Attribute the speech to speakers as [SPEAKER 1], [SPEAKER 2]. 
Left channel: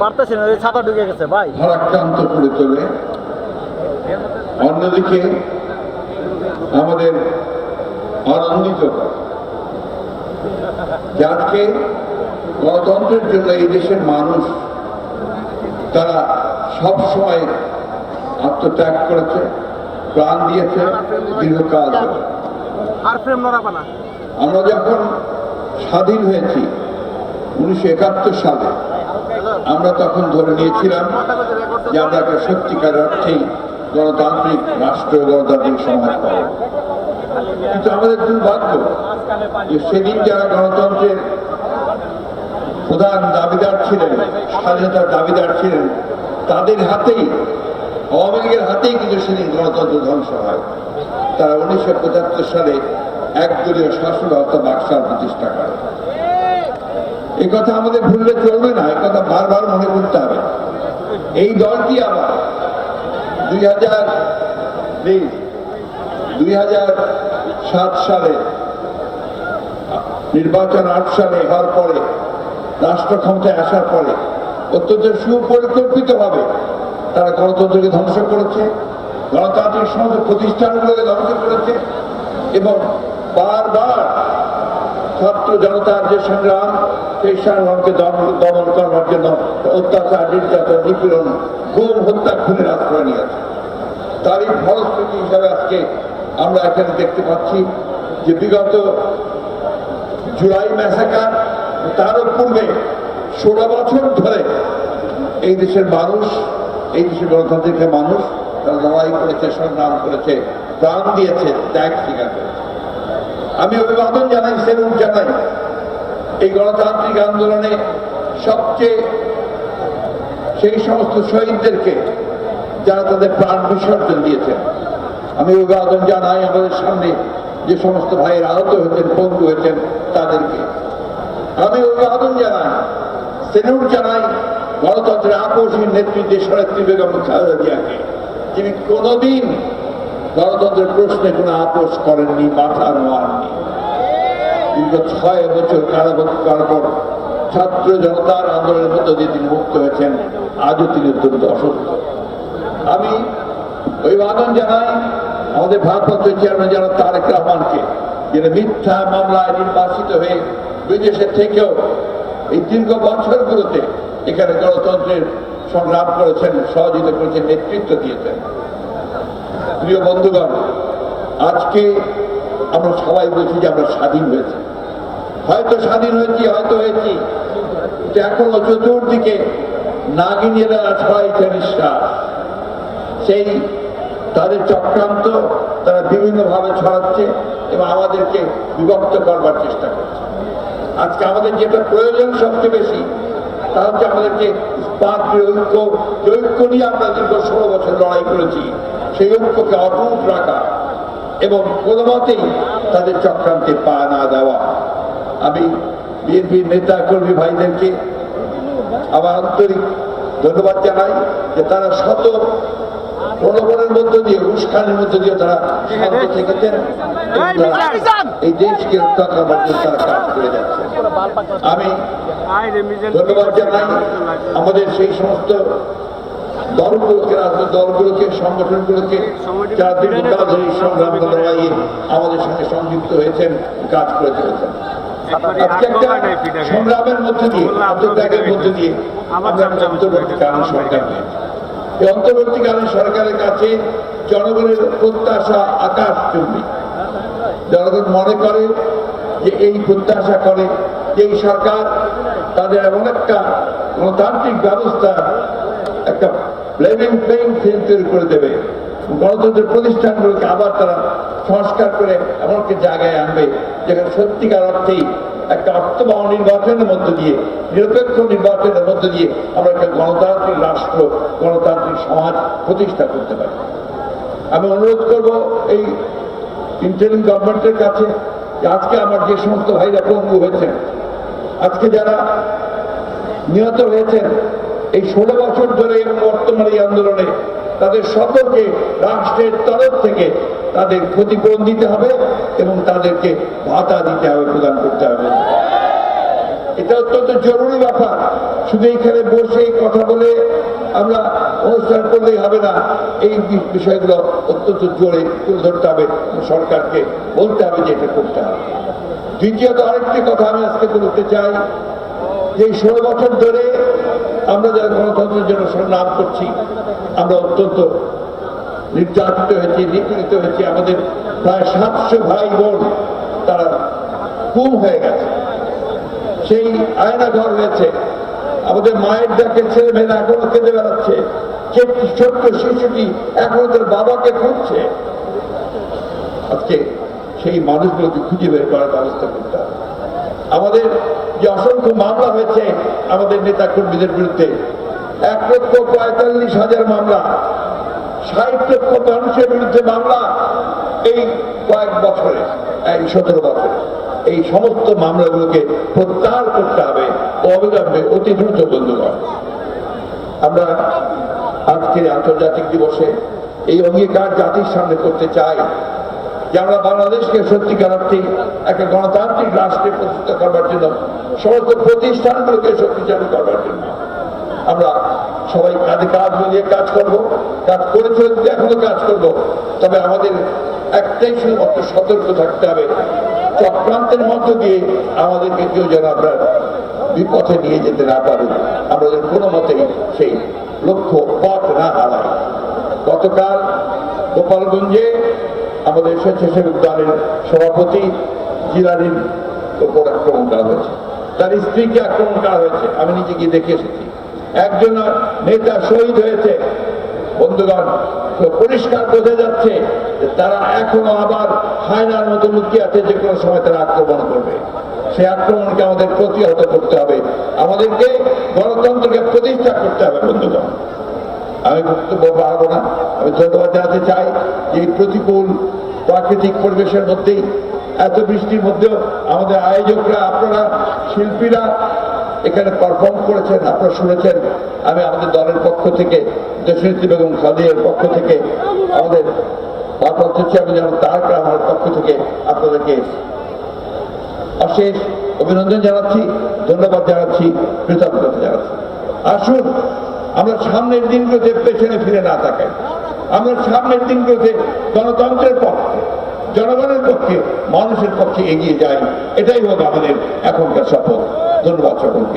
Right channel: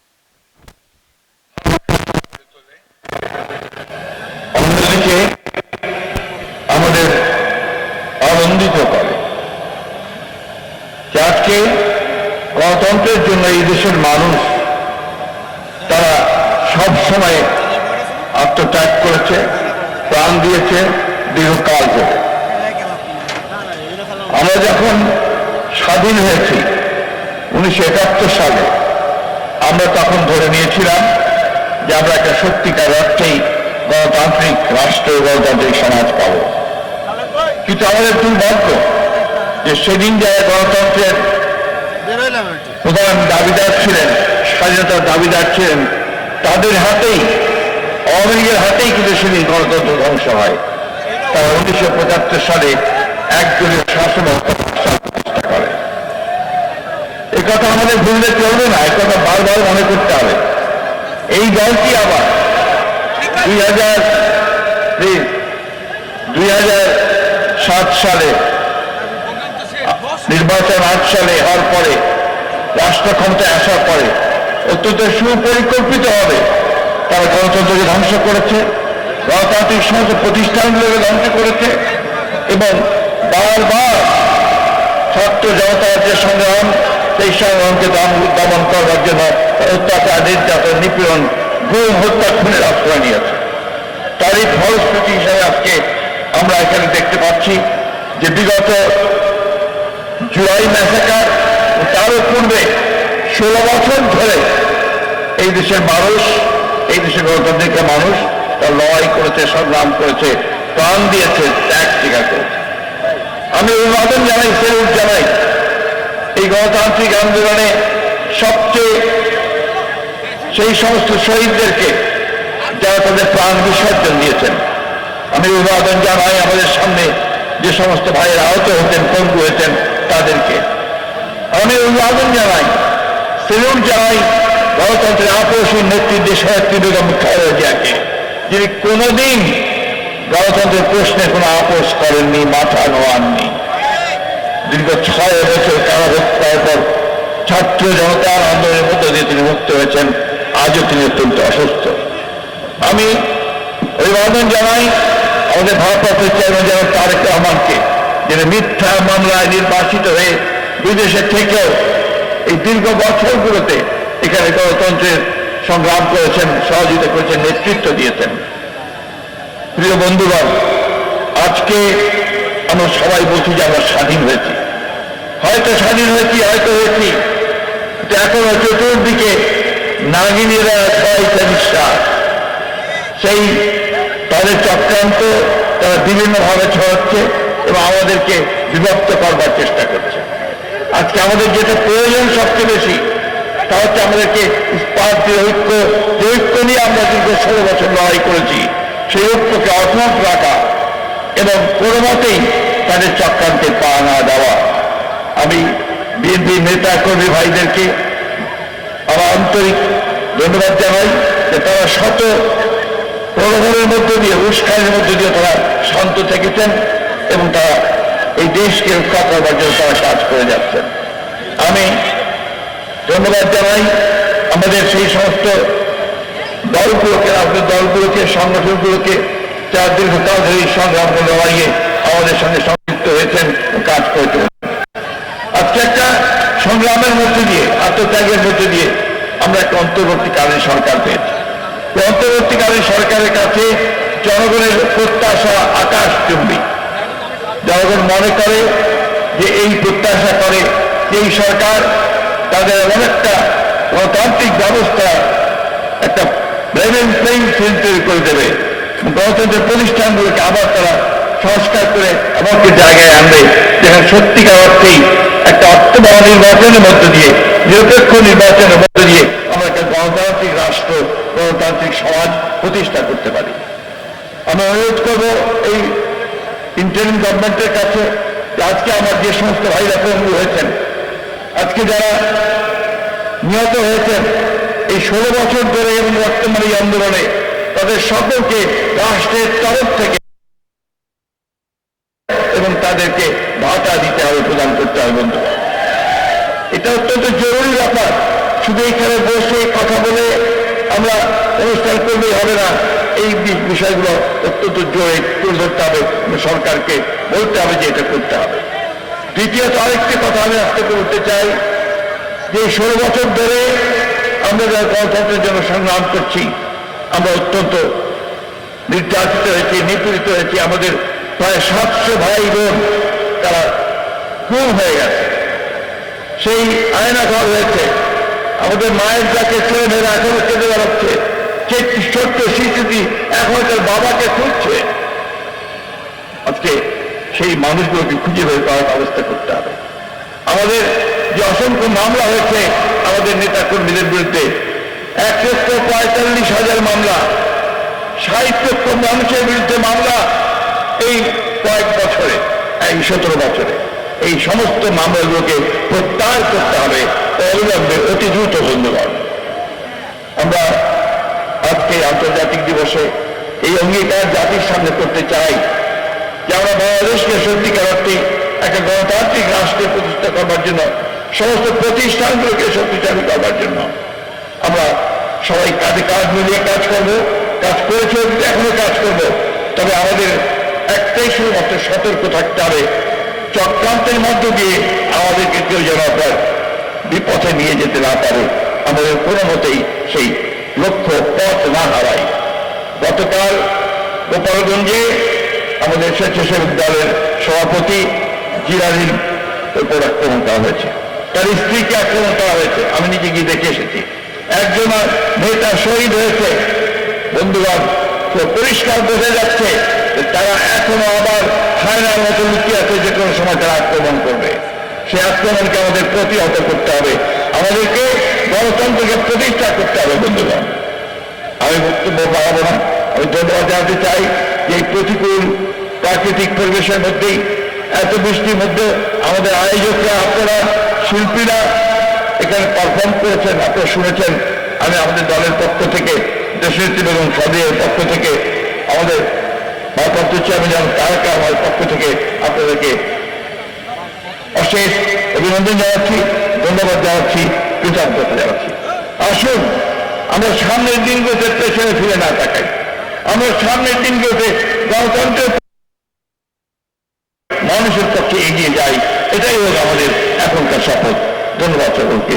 [SPEAKER 1] পারতেছি না ওই ছাতা ঢুকে গেছে ভাই।
[SPEAKER 2] আমাদের আনন্দিত করে আজকে গণতন্ত্রের জন্য এই দেশের মানুষ তারা সব সময় আত্মত্যাগ করেছে প্রাণ দিয়েছে দীর্ঘকাল ধরে। আমরা যখন স্বাধীন হয়েছি উনিশশো একাত্তর সালে আমরা তখন ধরে নিয়েছিলাম যে আমরা একটা সত্যিকার অর্থেই গণতান্ত্রিক রাষ্ট্র গণতান্ত্রিক সমাজ পাব। কিন্তু আমাদের দুর্ভাগ্য যে সেদিন যারা গণতন্ত্রের প্রধান দাবিদার ছিলেন, স্বাধীনতার দাবিদার ছিলেন, তাদের হাতেই, আওয়ামী হাতেই কিন্তু সেদিন গণতন্ত্র ধ্বংস হয়। তারা উনিশশো পঁচাত্তর সালে একদলীয় শাসন প্রতিষ্ঠা করে। এ কথা আমাদের ভুলে যেতে হবে না এ কথা বারবার মনে করতে হবে এই দলটি আবার হাজার দুই হাজার সাত সালে, নির্বাচন আট হওয়ার পরে, রাষ্ট্র ক্ষমতায় আসার পরে, অত্যন্ত সুপরিকল্পিত হবে তারা গণতন্ত্রকে ধ্বংস করেছে, গণতান্ত্রিক সমস্ত প্রতিষ্ঠানগুলোকে ধ্বংস করেছে এবং বারবার ছাত্র জনতার যে সংগ্রাম, সেই সংগ্রামকে দমন করার জন্য অত্যাচার, নির্যাতন, নিপীড়ন, গুম হত্যা খুনের আশ্রয় নিয়েছে। তারই ফলশ্রুতি হিসাবে আজকে আমরা এখানে দেখতে পাচ্ছি যে বিগত জুলাই ম্যাসাকার তারও পূর্বে ষোলো বছর ধরে এই দেশের মানুষ, এই দেশের গণতান্ত্রিক মানুষ তার লড়াই করেছে, সংগ্রাম করেছে, প্রাণ দিয়েছে, ত্যাগ করেছে। আমি অভিবাদন জানাই সেলুট জানাই, এই গণতান্ত্রিক আন্দোলনে সবচেয়ে সেই সমস্ত শহীদদেরকে যারা তাদের প্রাণ বিসর্জন দিয়েছেন। আমি অভিবাদন জানাই আমাদের সামনে যে সমস্ত ভাইয়ের আহত হতেন বন্ধু হয়েছেন তাদেরকে। আমি অভিবাদন জানাই সেলুট জানাই, গণতন্ত্রের আকর্ষণ নেতৃত্বে সহায়ত্রী বেগম খালেদা জিয়াকে যিনি কোনোদিন গণতন্ত্রের প্রশ্নে কোনো আপোষ করেননি, মাথা নোয়াননি। দীর্ঘ ছয় বছর কারাহত্যার পর ছাত্র জনতার আন্দোলনের মধ্যে দিয়ে তিনি মুক্ত হয়েছেন। আজও তিনি অত্যন্ত অসুস্থ। আমি অভিবাদন জানাই আমাদের ভারপ্রাপ্ত চেয়ারম্যান জনাব তারেক রহমানকে, যিনি মিথ্যা মামলায় নির্বাচিত হয়ে বিদেশে থেকেও এই দীর্ঘ বছরগুলোতে এখানে গণতন্ত্রের সংগ্রাম করেছেন, সহযোগিতা করেছেন, নেতৃত্ব দিয়েছেন। প্রিয় বন্ধুগণ, আজকে আমরা সবাই বলছি যে আমরা স্বাধীন হয়েছি। হয়তো স্বাধীন হয়েছি, হয়তো হয়েছি এখনও চতুর্দিকে নাগিনীরা সবাই সেই তাদের চক্রান্ত তারা বিভিন্নভাবে ছড়াচ্ছে এবং আমাদেরকে বিভক্ত করবার চেষ্টা করছে। আজকে আমাদের যেটা প্রয়োজন সবচেয়ে বেশি, তা হচ্ছে আমাদেরকে ইস্পাত দিয়ে ঐক্য, যে ঐক্য নিয়ে আমরা দীর্ঘ ষোলো বছর লড়াই করেছি, সেই ঐক্যকে অটুট রাখা এবং কোনো মতেই তাদের চক্রান্তে পা না দেওয়া। আমি বিএনপি নেতা কর্মী ভাইদেরকে আমার আন্তরিক ধন্যবাদ জানাই যে তারা শত প্রলোভনের মধ্য দিয়ে উস্কানের মধ্য দিয়ে তারা শান্ত থেকেছেন এবং তারা এই দেশকে রক্ষা করবার জন্য তারা কাজ করে যাচ্ছেন। আমি ধন্যবাদ জানাই আমাদের সেই সমস্ত দলগুলোকে রাজনৈতিক দলগুলোকে, সংগঠনগুলোকে যারা দীর্ঘকাল ধরে এই সংগ্রাম লড়াইয়ে আমাদের সঙ্গে সম্পৃক্ত হয়েছেন, কাজ করে চলেছেন আজকে একটা সংগ্রামের মধ্যে দিয়ে, আত্মত্যাগের মধ্যে দিয়ে আমরা একটা অন্তর্বর্তীকালীন সরকার পেয়েছি। অন্তর্বর্তীকালীন সরকারের কাছে জনগণের প্রত্যাশা আকাশ চুম্বি জনগণ মনে করে যে এই প্রত্যাশা করে যে এই সরকার তাদের এমন একটা গণতান্ত্রিক ব্যবস্থা, একটা প্লেইং ফিল্ড তৈরি করে দেবে। গণতন্ত্রের প্রতিষ্ঠানগুলোকে আবার তারা সংস্কার করে এমন একটি জায়গায় আনবে, যেখানে সত্যিকার অর্থেই একটা অর্থবহ নির্বাচনের মধ্য দিয়ে, নিরপেক্ষ নির্বাচনের মধ্য দিয়ে আমরা একটা গণতান্ত্রিক রাষ্ট্র গণতান্ত্রিক সমাজ প্রতিষ্ঠা করতে পারি আমি অনুরোধ করব এই ইন্টারিম গভর্নমেন্টের কাছে আজকে আমার যে সমস্ত ভাইরা পঙ্গু হয়েছেন, আজকে যারা নিহত হয়েছেন, এই ষোলো বছর ধরে বর্তমান এই আন্দোলনে তাদের সকলকে রাষ্ট্রের তরফ থেকে তাদের ক্ষতিপূরণ দিতে হবে এবং তাদেরকে ভাতা দিতে হবে প্রদান করতে হবে। এটা অত্যন্ত জরুরি ব্যাপার। শুধু এখানে বসে এই কথা করলে হবে না। এই বিষয়গুলো অত্যন্ত জোরে তুলে ধরতে হবে সরকারকে বলতে হবে যে এটা করতে হবে। দ্বিতীয়ত আরেকটি কথা আমি আজকে বলতে চাই যে ষোলো বছর ধরে আমরা গণতন্ত্রের জন্য সংগ্রাম করছি, আমরা অত্যন্ত নির্যাতিত হয়েছি, নিপীড়িত হয়েছি। আমাদের প্রায় সাতশো ভাই বোন তারা খুন হয়ে গেছে। সেই আয়না ঘর হয়েছে। আমাদের মায়ের যাকে ছেলে মেয়েরা এখনও কেঁদে বেড়াচ্ছে। যে ছোট্ট শিশুটি এখন তার বাবাকে খুঁজছে। আজকে সেই মানুষগুলোকে খুঁজে বের করার ব্যবস্থা করতে হবে। আমাদের যে অসংখ্য মামলা হয়েছে, আমাদের নেতা কর্মীদের বিরুদ্ধে এক লক্ষ পঁয়তাল্লিশ হাজার মামলা লক্ষ মানুষের বিরুদ্ধে মামলা এই কয়েক বছরে, এই সতেরো বছরে। এই সমস্ত মামলাগুলোকে প্রত্যাহার করতে হবে, অবিলম্বে অতি দ্রুত ধন্যবাদ আমরা আন্তর্জাতিক দিবসে এই অঙ্গীকার জাতির সামনে করতে চাই যে আমরা বাংলাদেশকে সত্যিকার অর্থে একটা গণতান্ত্রিক রাষ্ট্রে প্রতিষ্ঠা করবার জন্য, সমস্ত প্রতিষ্ঠানগুলোকে শক্তিশালী করবার জন্য আমরা সবাই কাঁধে কাঁধ মিলিয়ে কাজ করব, কাজ করেছি এখনও কাজ করব। তবে আমাদের একটাই শুধুমাত্র সতর্ক থাকতে হবে, চক্রান্তের মধ্য দিয়ে আমাদেরকে কেউ যেন আপনার বিপথে নিয়ে যেতে না পারে। আমাদের কোনো মতেই সেই গতকাল গোপালগঞ্জে আমাদের স্বেচ্ছাসেবক দলের সভাপতি জিলানির উপর আক্রমণ করা হয়েছে। তার স্ত্রীকে আক্রমণ করা হয়েছে। আমি নিজে গিয়ে দেখে এসেছি। একজন নেতা শহীদ হয়েছে। বন্ধুগণ পরিষ্কার বোঝা যাচ্ছে তারা এখনও আবার হায়নার মতো আছে, যে কোনো সময় তারা আক্রমণ করবে। সেই আক্রমণকে আমাদের প্রতিহত করতে হবে। আমাদেরকে গণতন্ত্রকে প্রতিষ্ঠা করতে হবে, বন্ধুগণ। আমি বক্তব্য বাড়াবো না। ধন্যবাদ চাই যে প্রতিকূল প্রাকৃতিক পরিবেশের মধ্যেই এত বৃষ্টির মধ্যে আমাদের আয়োজকরা, আপনারা, শিল্পীরা এখানে পারফর্ম করেছেন, আপনারা শুনেছেন। আমি আমাদের দলের পক্ষ থেকে, দেশের এবং সদের পক্ষ থেকে, আমাদের ভারপ্রাপ্ত চেয়ারম্যান তারা আমার পক্ষ থেকে আপনাদেরকে অশেষ অভিনন্দন জানাচ্ছি, ধন্যবাদ জানাচ্ছি, কৃতজ্ঞতা জানাচ্ছি। আসুন, আমরা সামনের দিনগুলোতে পেছনে ফিরে না তাকাই। আমরা সামনের দিনগুলোতে গণতন্ত্রের জনগণের পক্ষে, মানুষের পক্ষে এগিয়ে যাই, এটাই হল আমাদের এখনকার শপথ। ধন্যবাদ সকলকে।